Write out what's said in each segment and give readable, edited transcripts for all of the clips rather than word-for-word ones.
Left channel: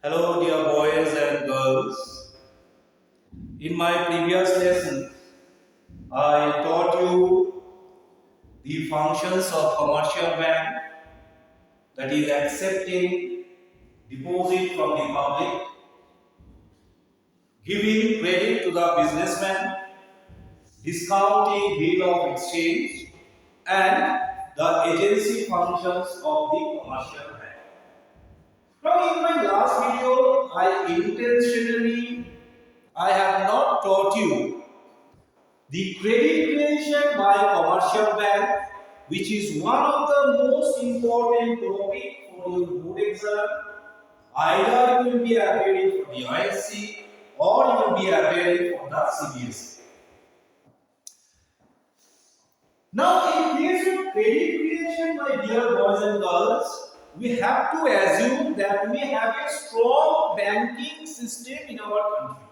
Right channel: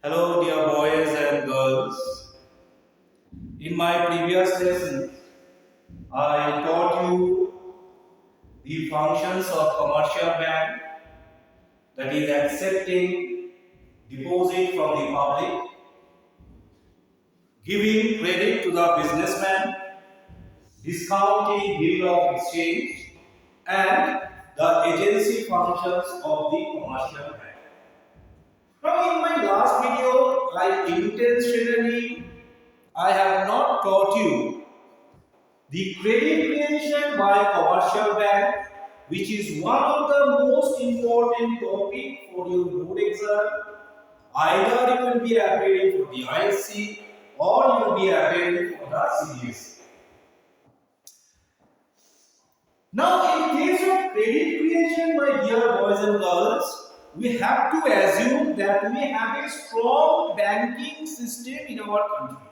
Hello, dear boys and girls. In my previous lesson, I taught you the functions of commercial bank, that is accepting deposit from the public, giving credit to the businessman, discounting bill of exchange, and the agency functions of the commercial bank. Now, in my last video, I have not taught you the credit creation by commercial bank, which is one of the most important topic for your board exam. Either you will be appearing for the ISC or you will be appearing for the CBSE. Now, in case of credit creation, my dear boys and girls, we have to assume that we have a strong banking system in our country.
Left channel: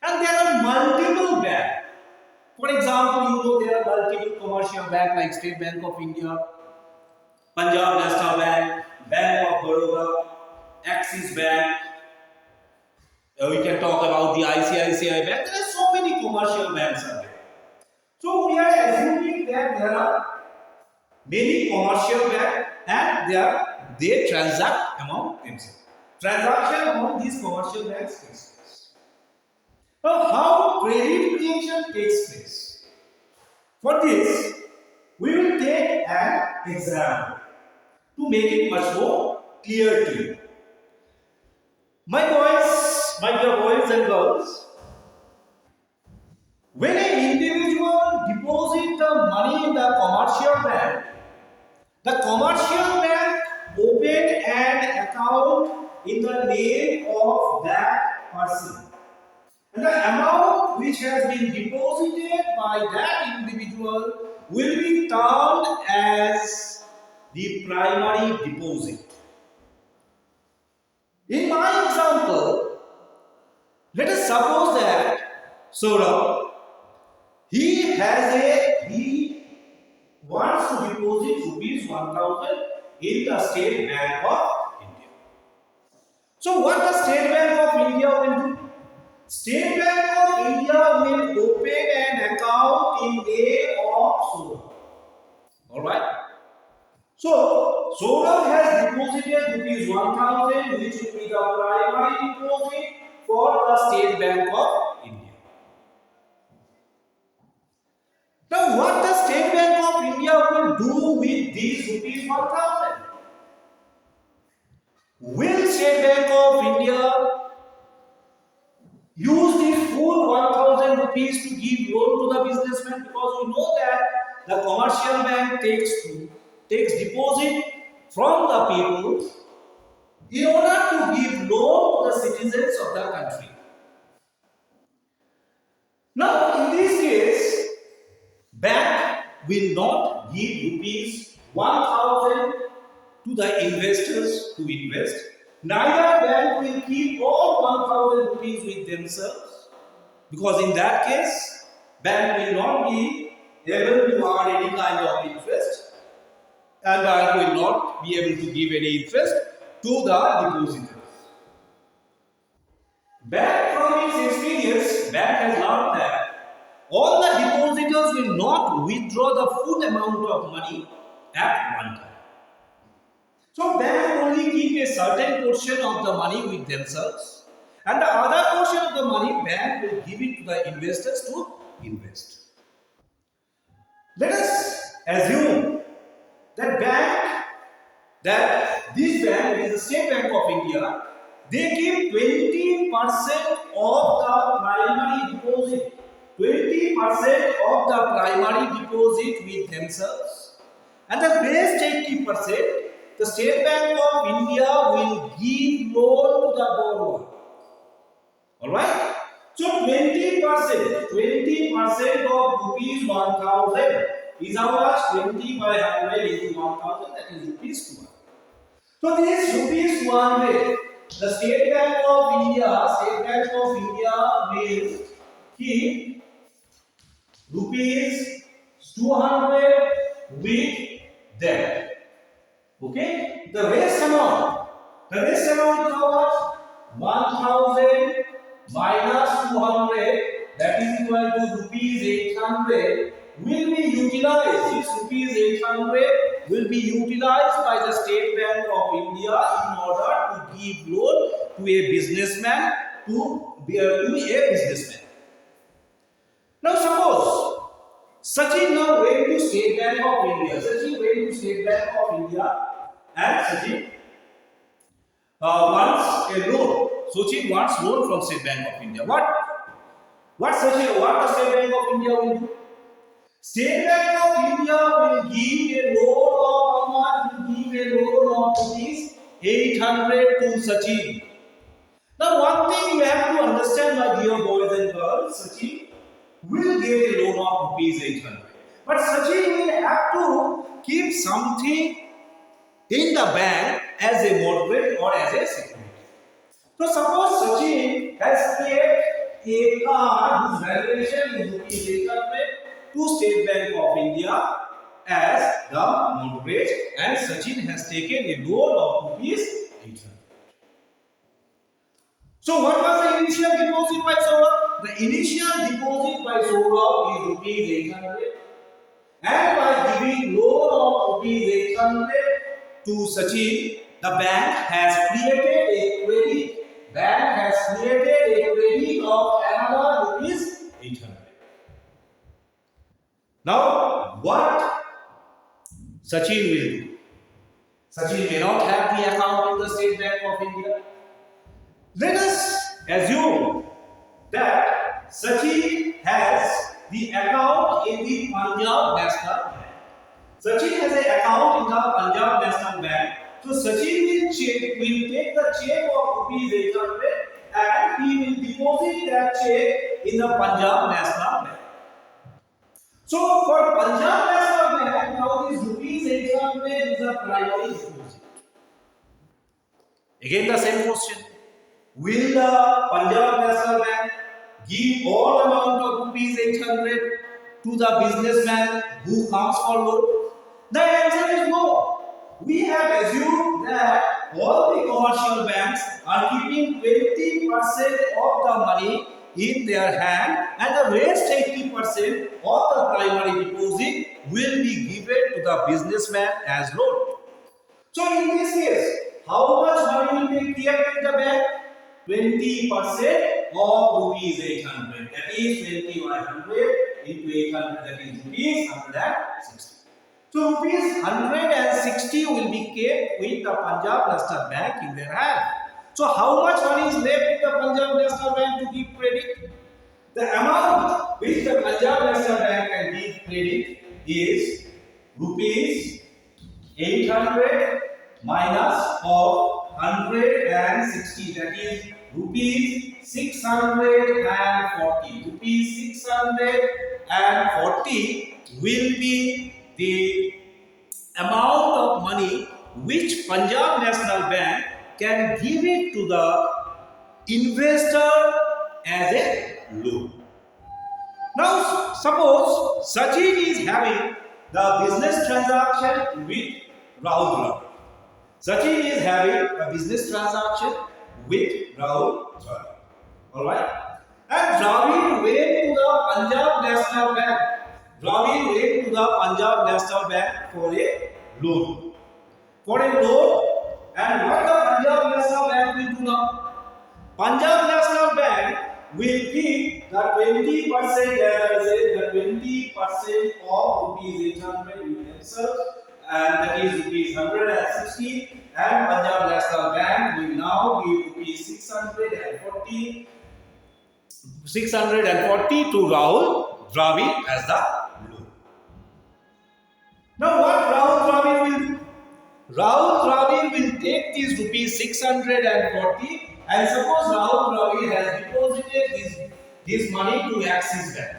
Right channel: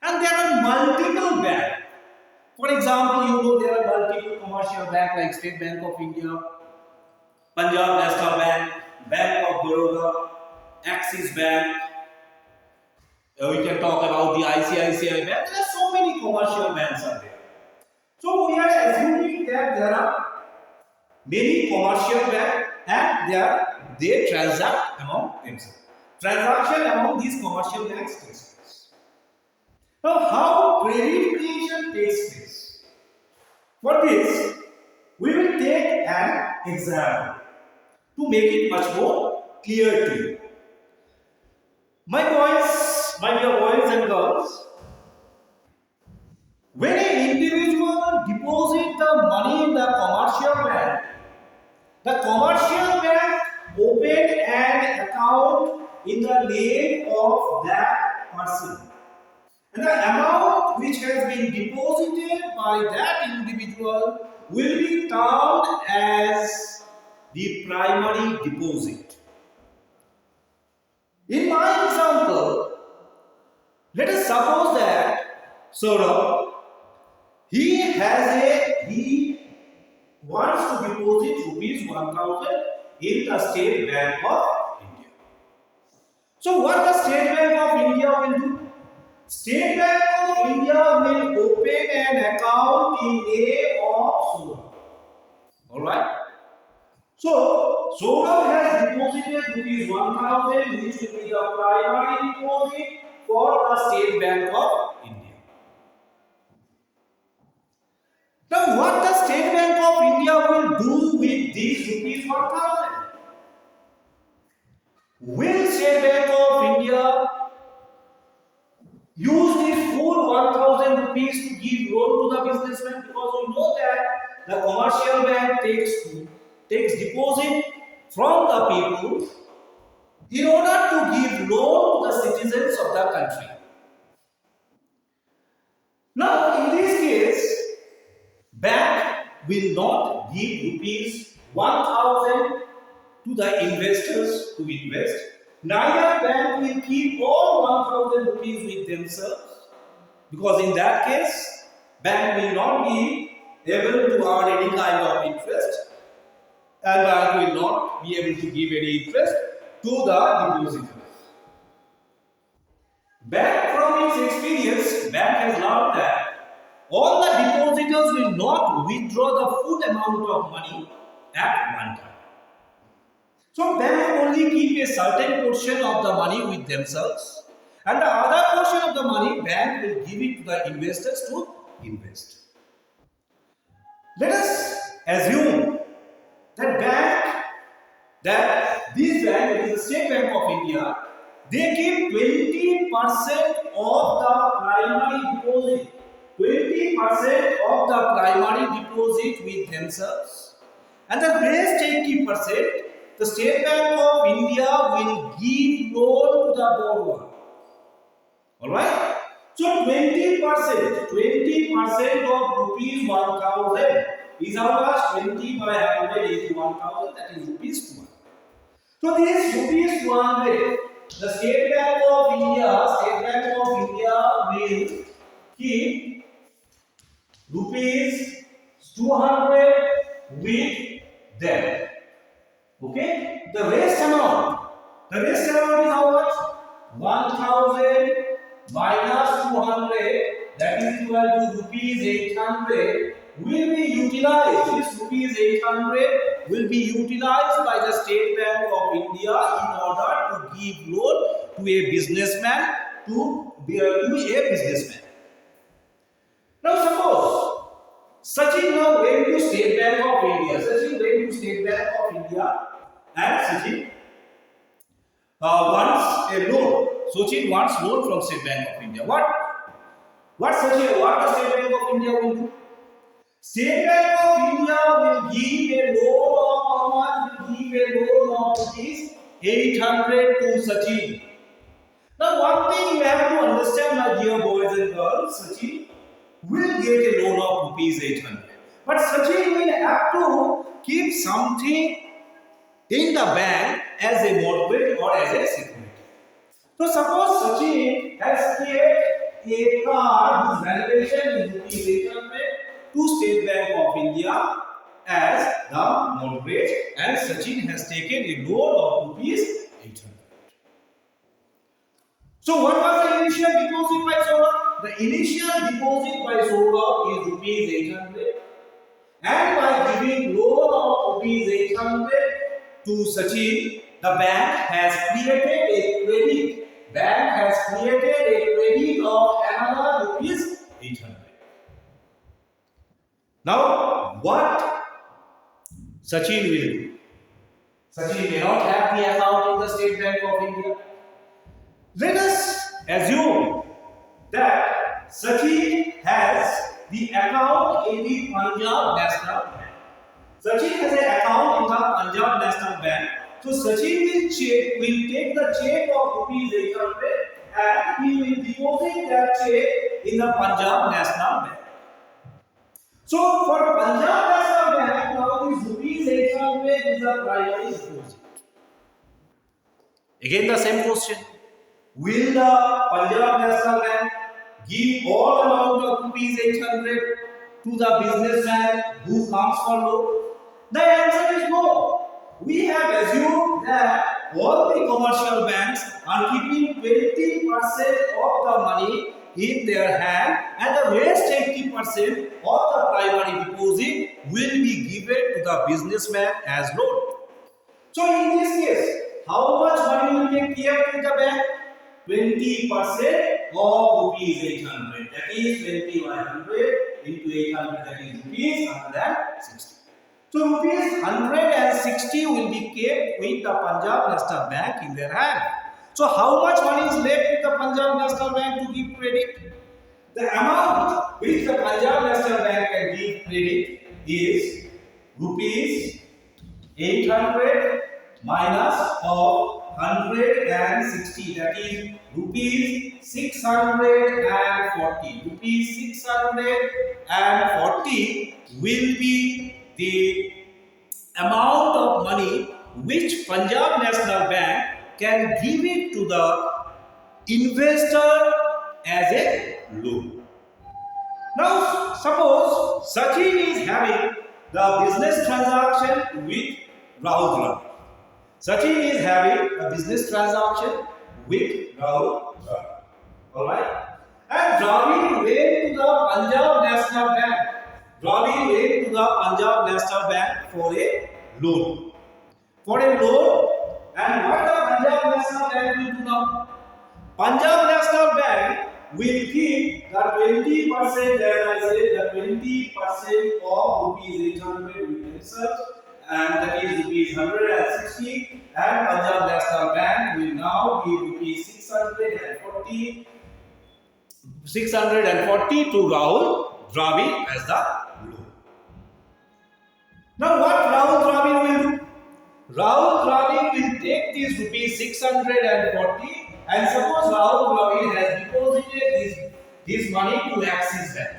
And there are multiple banks. For example, there are multiple commercial banks like State Bank of India, Punjab National Bank, Bank of Baroda, Axis Bank. We can talk about the ICSE Bank. There are so many commercial banks are there. So we are assuming that there are many commercial banks and they transact among themselves. Transaction among these commercial banks takes place. Now, how credit creation takes place? For this, we will take an example to make it much more clear to you. My dear boys and girls, when an individual deposits the money in the commercial bank opened an account in the name of that person. And the amount which has been deposited by that individual will be termed as the primary deposit. In my example, let us suppose that Saurabh, he wants to deposit rupees 1000 in the State Bank of India. So what the State Bank of India will do? State Bank of India will open an account in name of Saurabh. Alright? So, Saurabh has deposited rupees 1000, which will be the primary deposit for the State Bank of India. Now, what the State Bank of India will do with these rupees 1000? Will State Bank of India use this full 1000 rupees to give loan to the businessman? Because we know that the commercial bank takes deposit from the people in order to give loan to the citizens of the country. Now, in this case, bank will not give rupees 1000 to the investors to invest. Neither bank will keep all 1000 rupees with themselves, because in that case, bank will not be able to earn any kind of interest, and bank will not be able to give any interest to the depositors. Bank, from its experience, bank has learned that all the depositors will not withdraw the full amount of money at one time. So bank only keep a certain portion of the money with themselves, and the other portion of the money bank will give it to the investors to invest. Let us assume that this bank, which is the State Bank of India, they keep 20% of the primary deposit. 20% of the primary deposit with themselves, and the rest 80%, the State Bank of India will give loan to the borrower. Alright? So 20% of rupees 1000 is how much? 20 by 100 is 1000, that is rupees 200. So this rupees 200, the State Bank of India will keep rupees 200 with them. Okay? The rest amount The rest amount is how much? 1000 minus 200, that is equal to rupees 800 will be utilized. This rupees 800 will be utilized by the State Bank of India in order to give loan to a businessman to a businessman. Now suppose Sachin now went to State Bank of India. Sachin went to State Bank of India and Sachin wants a loan. Sachin wants loan from State Bank of India. What the State Bank of India will do? State Bank of India will give a loan of how much? Will give a loan of rupees 800 to Sachin. Now one thing you have to understand, my dear boys and girls, Sachin will get a loan of rupees 800. But Sachin will have to keep something in the bank as a mortgage or as a security. So suppose Sachin has kept a car whose valuation is rupees 800 to State Bank of India as the mortgage, and Sachin has taken a loan of rupees 800. So what was the initial deposit by Saurabh? The initial deposit by Saurabh is rupees 800, and by giving loan of rupees 800 to Sachin, the bank has created a credit. Bank has created a credit of another rupees 800. Now, what Sachin will do? Sachin may not have the account in the State Bank of India. Let us assume that Sachin has the account in the Punjab National Bank. Sachin has an account in the Punjab National Bank. So Sachin will take the check of rupees 800 and he will deposit that check in the Punjab National Bank. So for Punjab National Bank, now this rupees 800 is a primary deposit. Again the same question. Will the Punjab National Bank give all amount of rupees 800 to the businessman who comes for loan? The answer is no. We have assumed that all the commercial banks are keeping 20% of the money in their hand and the rest 80% of the primary deposit will be given to the businessman as loan. So in this case, how much money will be kept in the bank? 20% of rupees 800. That is 20 by 100 into 800. That is rupees 160. So rupees 160 will be kept with the Punjab National Bank in their hand. So how much money is left with the Punjab National Bank to give credit? The amount which the Punjab National Bank can give credit is rupees 800 minus of 160, that is rupees 640. Rupees 640 will be the amount of money which Punjab National Bank can give it to the investor as a loan. Now suppose Sachin is having the business transaction with Rahul Dravid. Sachin is having a business transaction with Rahul Dravid. Alright? And Dravid went to the Punjab National Bank. Dravid went to the Punjab National Bank for a loan. And what the Punjab National Bank will do now? Punjab National Bank will keep the 20%, as I said, the 20% of rupees 800 with themselves, and that is rupees 160, and Punjab National Bank will now give rupees 640 to Rahul Dravid as the loan. Now what Rahul Dravid will do? Rahul Dravid will take these rupees 640, and suppose Rahul Dravid has deposited this money to Axis Bank.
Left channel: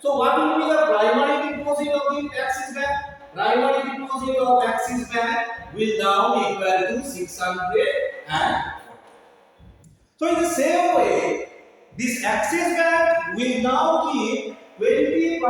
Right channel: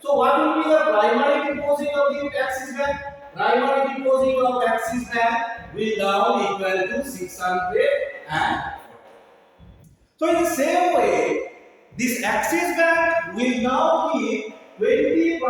So what will be the primary deposit of the Axis Bank? Primary deposit of Axis Bank will now equal to 640. So in the same way, this Axis Bank will now keep 20%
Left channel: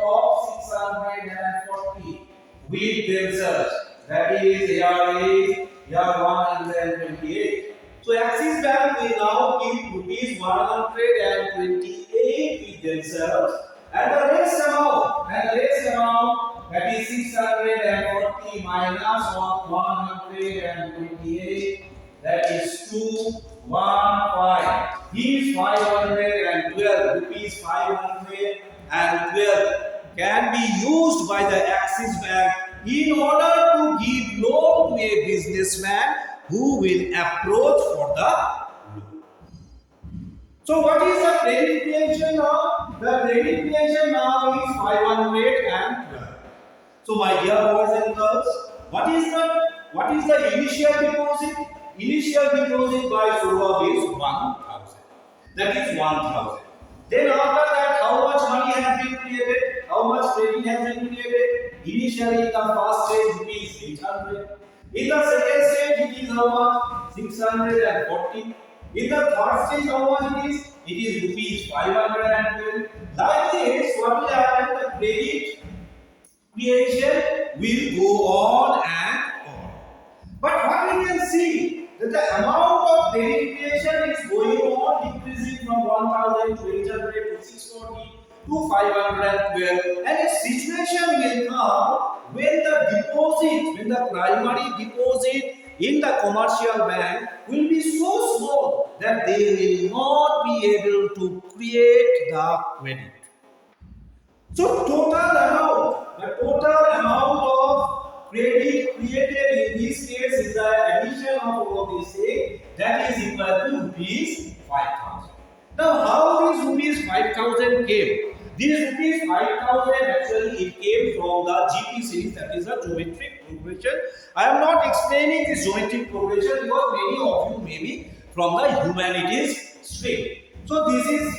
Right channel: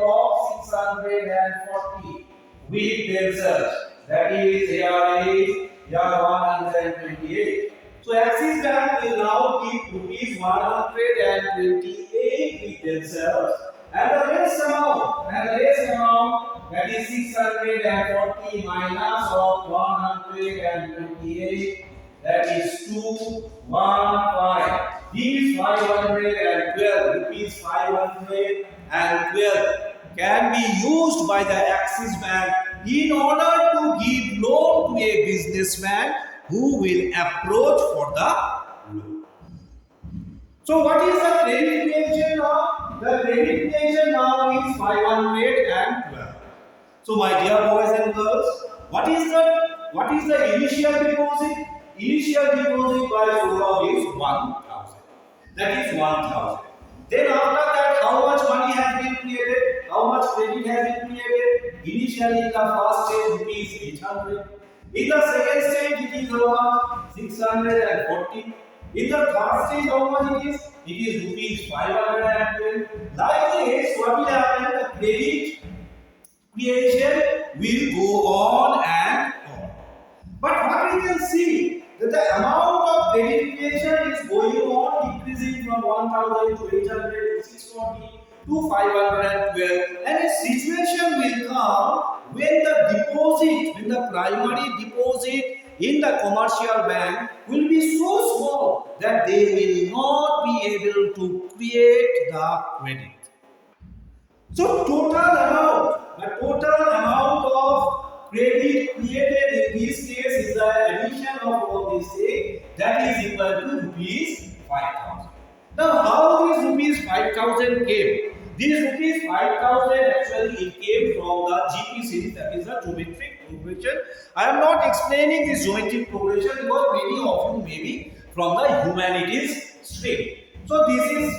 of 640 640 with themselves. That is year 128. So Axis Bank will now keep rupees 128 with themselves, and the rest amount, that is 640 minus of 128, that is 215. These 512 rupees 512 can be used by the Axis Bank in order to give loan to a businessman who will approach for the loan. So what is the credit creation now? The credit creation now is 512. So my dear boys and girls, what is the initial deposit? Initial deposit by Saurabh is 1000. That is 1000. Then after that, how much money has been created? How much credit has been created? Initially in the first stage rupees 800. In the second stage it is how much? 640. In the third stage how much it is? It is rupees 512. Like this, what will happen? The credit creation will go on and on. But what we can see, that the amount of credit creation is going on decreasing from 1000 to 800 to 640 to 512, and a situation will come when the primary deposit in the commercial bank will be so small that they will not be able to create the credit. So the total amount of credit created in this case is the addition of all these things, that is equal to rupees 5000. Now how these rupees 5000 came? These rupees 5000 actually it came from the GP series, that is a geometric progression. I am not explaining this geometric progression because many of you may be from the humanities stream. So this is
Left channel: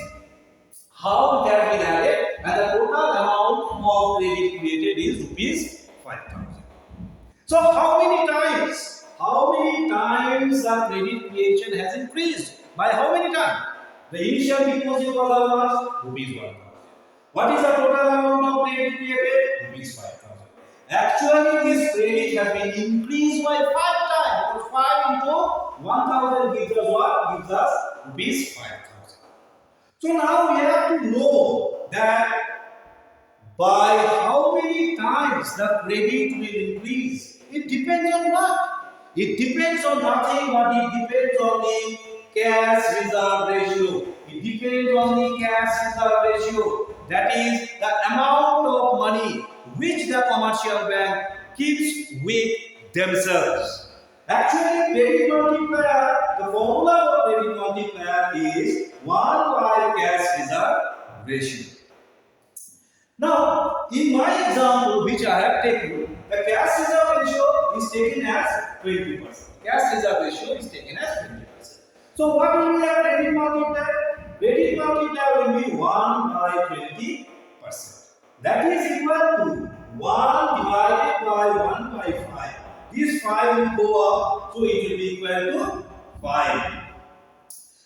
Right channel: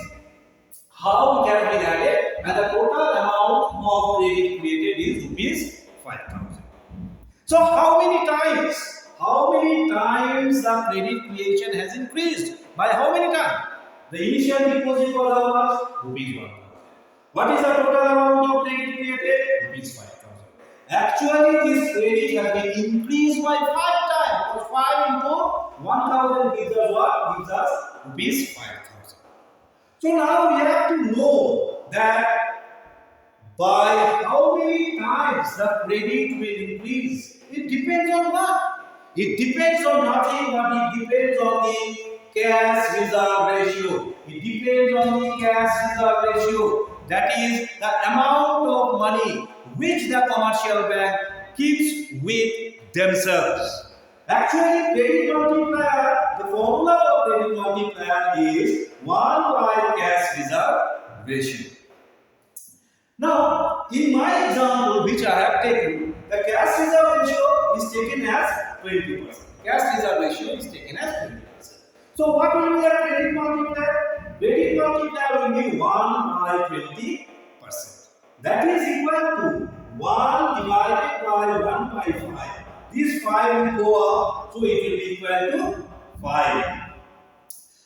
how it has been added, and the total amount of credit created is rupees 5000. So how many times the credit creation has increased? By how many times? The initial deposit was how much? Rupees 1000. What is the total amount of credit created? Rupees 5000. Actually this credit has been increased by 5 times, because 5 into 1000 gives us what? Gives us rupees 5000. So now we have to know that by how many times the credit will increase. It depends on what? It depends on nothing, but it depends on the cash reserve ratio. It depends on the cash reserve ratio. That is the amount of money which the commercial bank keeps with themselves. Actually, credit multiplier, the formula for credit multiplier is 1 by cash reserve ratio. Now, in my example which I have taken, the cash reserve ratio is taken as 20%. Cash reserve ratio is taken as 20%. So, what will be the credit multiplier? Credit multiplier will be 1 by 20%. That is equal to 1 divided by 1 by 5. This 5 will go up, so it will be equal to 5.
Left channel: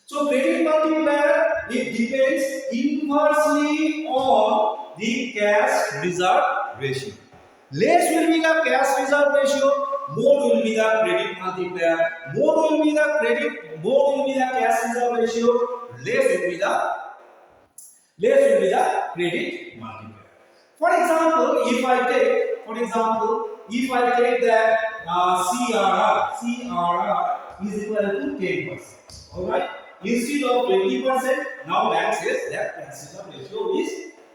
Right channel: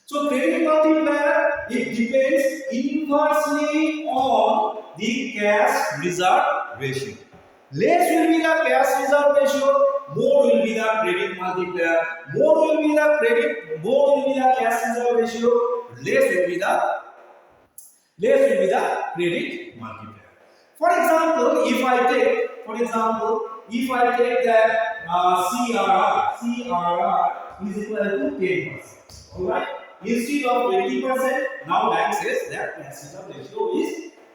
So credit multiplier, it depends inversely on the cash reserve ratio. Less will be the cash reserve ratio, more will be the credit multiplier. More will be the cash reserve ratio, less will be the credit multiplier. For example, if I take that CRR is equal to 10%. Alright? Instead of 20%, now bank says that cash reserve ratio is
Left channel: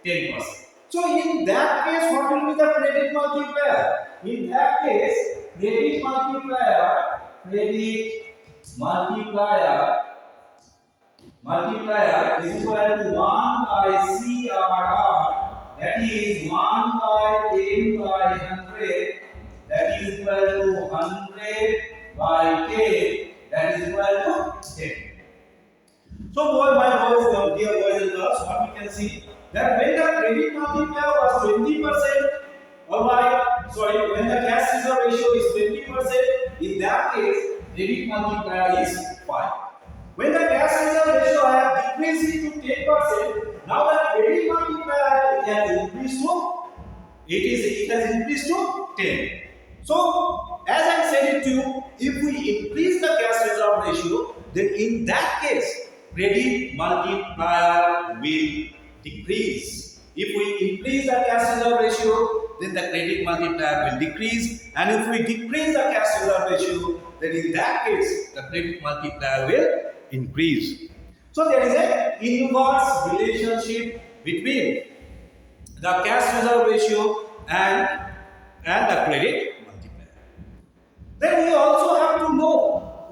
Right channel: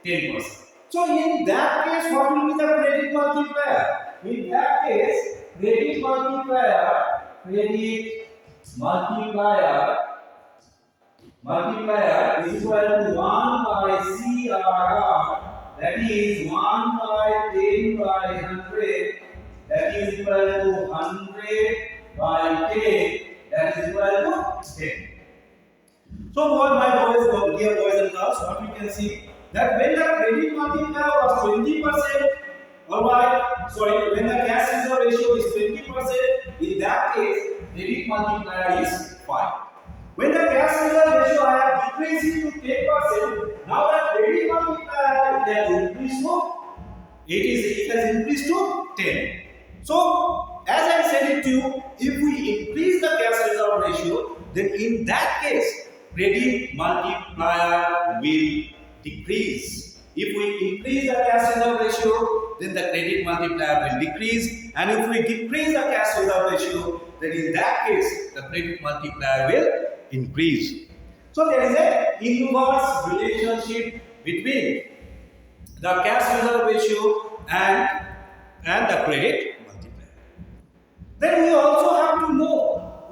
10%. So in that case, what will be the credit multiplier? In that case, credit multiplier is equal to 1 by CRR, that is 1 by 10 by 100, that is equal to 100 by 10, that is equal to 10. So dear boys and girls, what we can see, that when the credit multiplier was 20%, when the cash reserve ratio is 20%, in that case, credit multiplier is 5. When the cash reserve ratio I have decreased it to 10%, now the credit multiplier has increased to it has increased to 10. So, as I said it to you, if we increase the cash reserve ratio, then in that case, credit multiplier will decrease. If we increase the cash reserve ratio, then the credit multiplier will decrease. And if we decrease the cash reserve ratio, then in that case, the credit multiplier will increase. So, there is an inverse relationship between the cash reserve ratio and the credit multiplier. Then we also have to know,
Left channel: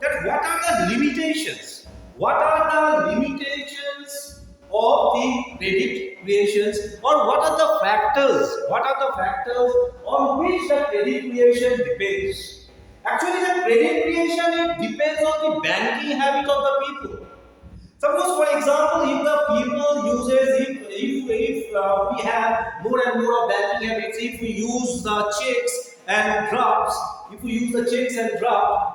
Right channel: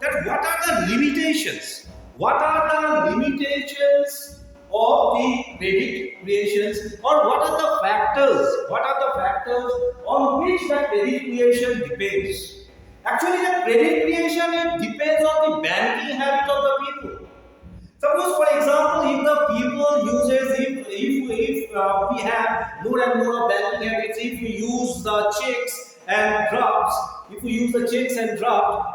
that what are the limitations? What are the limitations of the credit creations, or what are the factors? What are the factors on which the credit creation depends? Actually, the credit creation, it depends on the banking habit of the people. Suppose, for example, if the people uses, if we have more and more of banking habits, if we use the checks and drafts,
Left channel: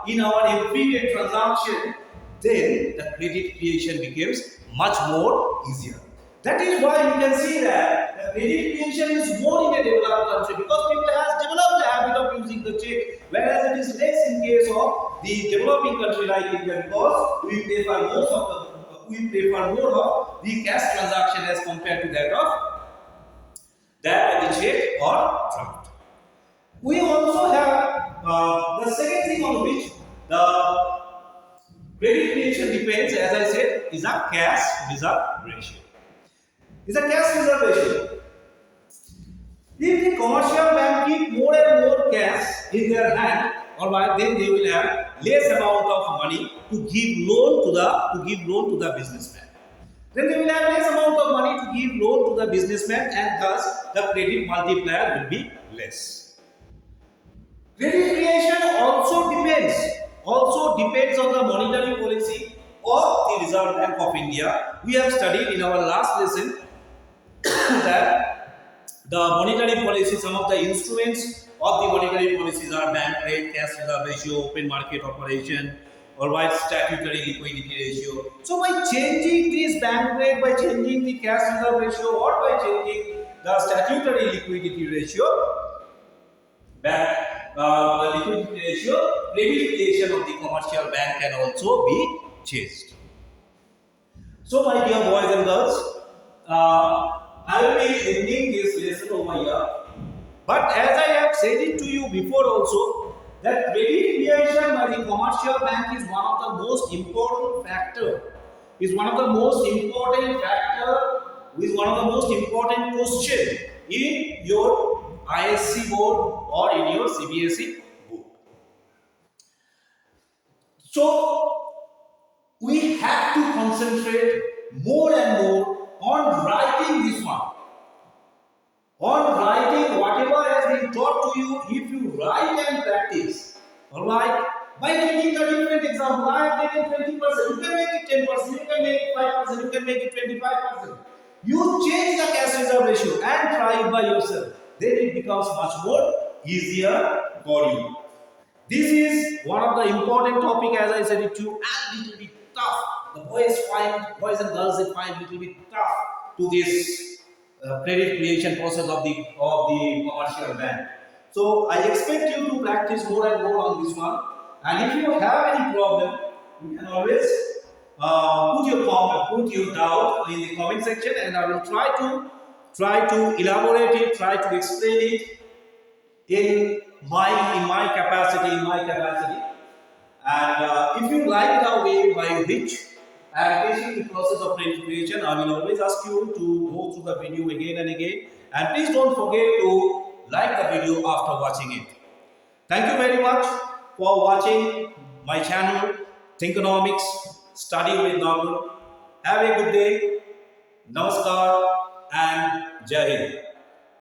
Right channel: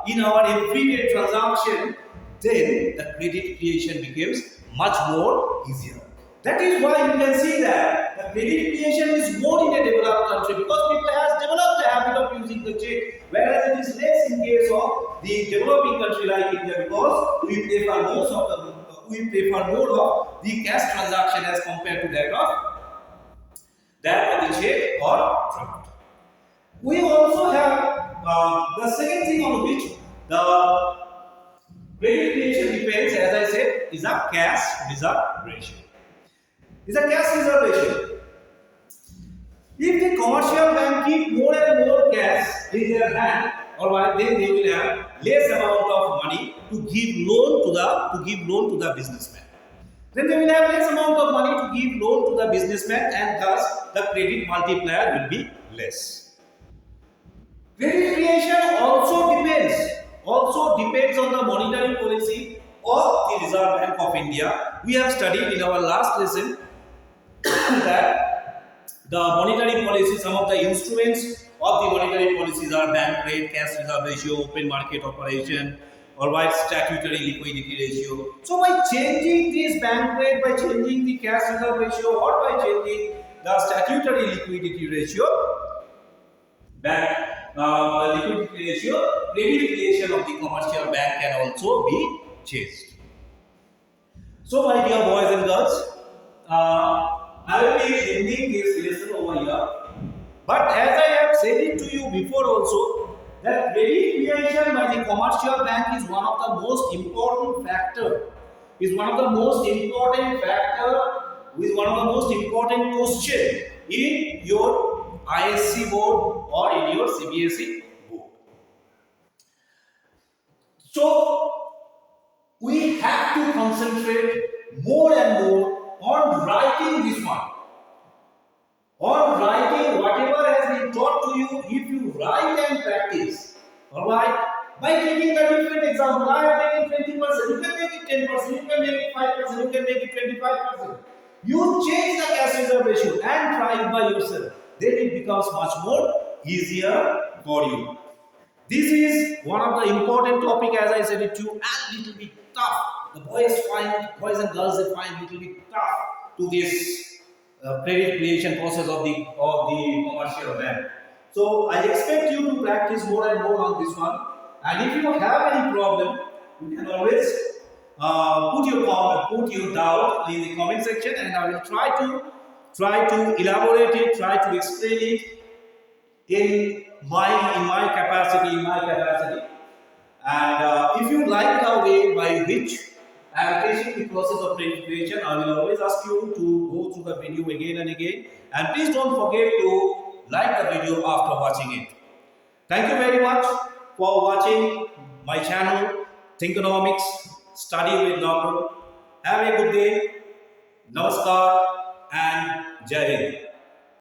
in our everyday transaction, then the credit creation becomes much more easier. That is why you can see that the credit creation is more in a developed country, because people have developed the habit of using the check, whereas it is less in case of the developing country like India, because we prefer more of the cash transaction as compared to that of the check or draft. We also have the second thing on which the credit creation depends, as I said, is a cash reserve ratio. If the commercial bank keep more and more cash in their hand, alright, then they will have less amount of money to give loan to the businessman. Then they will have less amount of money to give loan to the businessman, and thus the credit multiplier will be less. Credit creation also depends on the monetary policy of the Reserve Bank of India. We have studied in our last lesson that the monetary policy, some of the instruments of the monetary policies are bank rate, cash reserve ratio, open market operation, or by statutory liquidity ratio. So by changing this bank rate, by changing the cash reserve ratio, or by changing the statutory liquidity ratio, credit creation of the commercial bank can also be changed. So my dear boys and girls, I will be ending this lesson over here. But as I have said it to you before also, that credit creation by the commercial bank is one of the most important factor, is one of the most important question in your ISC board or in your CBSE board. So we have to concentrate more and more on writing this one. On writing whatever has been taught to you. If you write and practice, alright, by taking a different example, I have taken 20%, you can make it 10%, you can make it 5%, you can make it 25%. You change the cash reserve ratio and try it by yourself. Then it becomes much more easier for you. This is one of the important topic, as I said it to you, and little bit tough. The boys and girls, they find little bit tough to this credit creation process of the commercial bank. So I expect you to practice more and more on this one. And if you have any problem, you can always put your doubt in the comment section, and I will try to elaborate it, try to explain it in my capacity. And if you like the way by which I am teaching the process of credit creation, I will always ask you to go through the video again and again. And please don't forget to like the video after watching it. Thank you very much for watching my channel, THINKONOMICS-Study with Nagar. Have a good day. Namaskar and Jai Hind.